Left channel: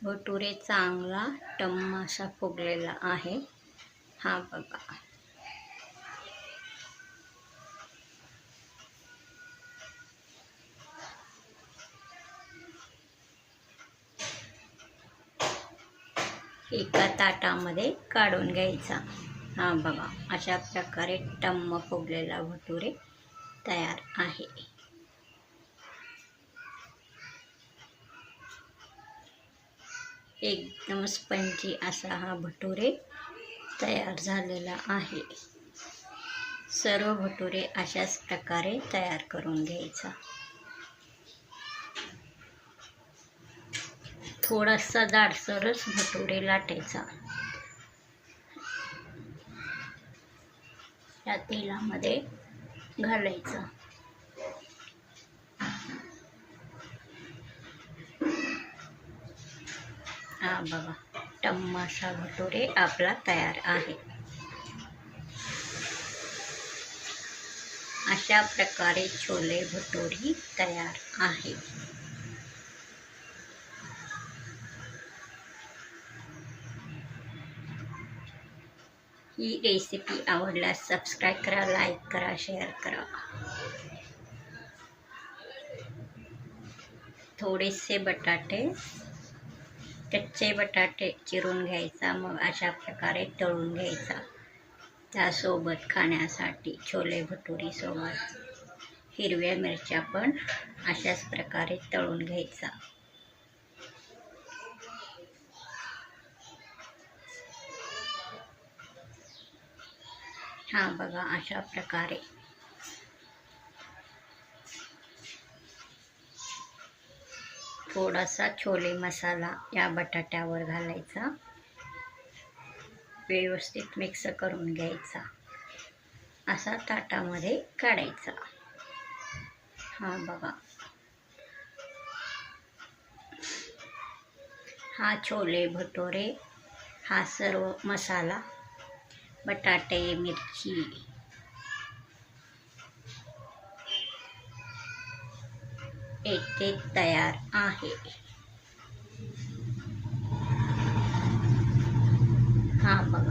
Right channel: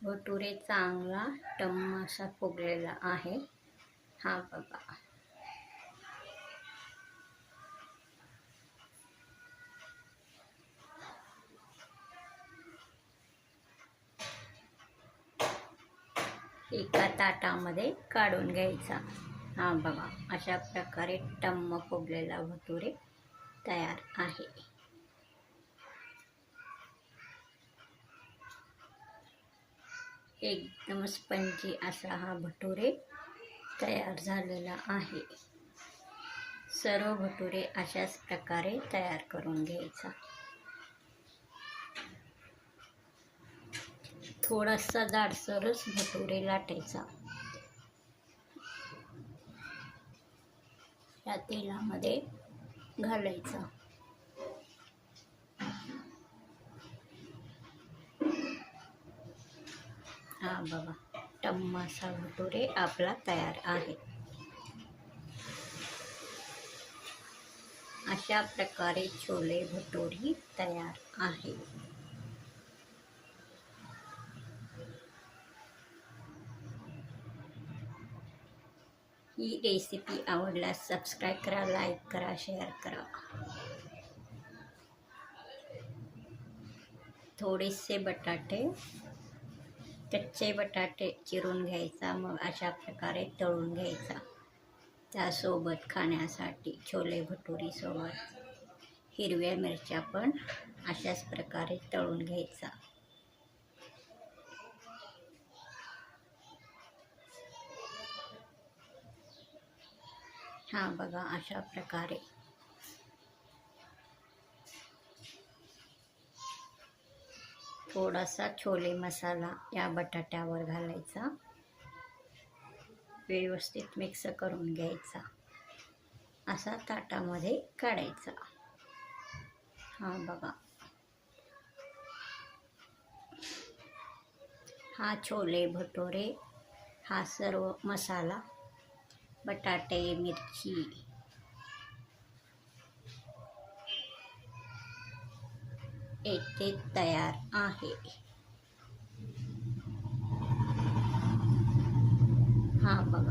भटुरे चांगला टम्म असा फुगलेला आहे. हा बघा. एका ताटामध्ये काढून घ्यायचा. हा बघा, अशा प्रकारे टम्म फुगलेला भटुरे तयार आहे. एकदम स्पंजी असा हा भटुरे तयार झालेला आहे. सर्व भटुरे अशाच प्रकारे तयार करून घ्यायचा. थोडासा जाडसरच भटुरे लाटायचा. या तेलामध्ये घालायचा. हा बघा, टम्म असा भटुरे आपला तयार आहे. अशा प्रकारे छोले भटुरे तयार आहे. ही रेसिपी आवडल्यास सबस्क्राईब करा, लाईक करा, शेअर करा. थोडेसे बटाटे, कच्चे बटाटे चिरून घ्यायचा. मग अशा प्रकारे तळून घ्यायचा. त्यासोबत खाण्यासाठी छोले भटुरे सोबत हिरव्या मिरच्या पण अशाच प्रकारे तळून घ्यायचा. हा बघा, अशा प्रकारे थोडासा छोले मसाला या बटाट्यावर घालायचा. व्यवस्थित मिक्स करून घ्यायचा. असा ताटामध्ये काढायचा. हा बघा, हा छोले भटुरे, हा सर्व मसाला, बटाटे, मिरची येथे तयार आहे. हा बघा.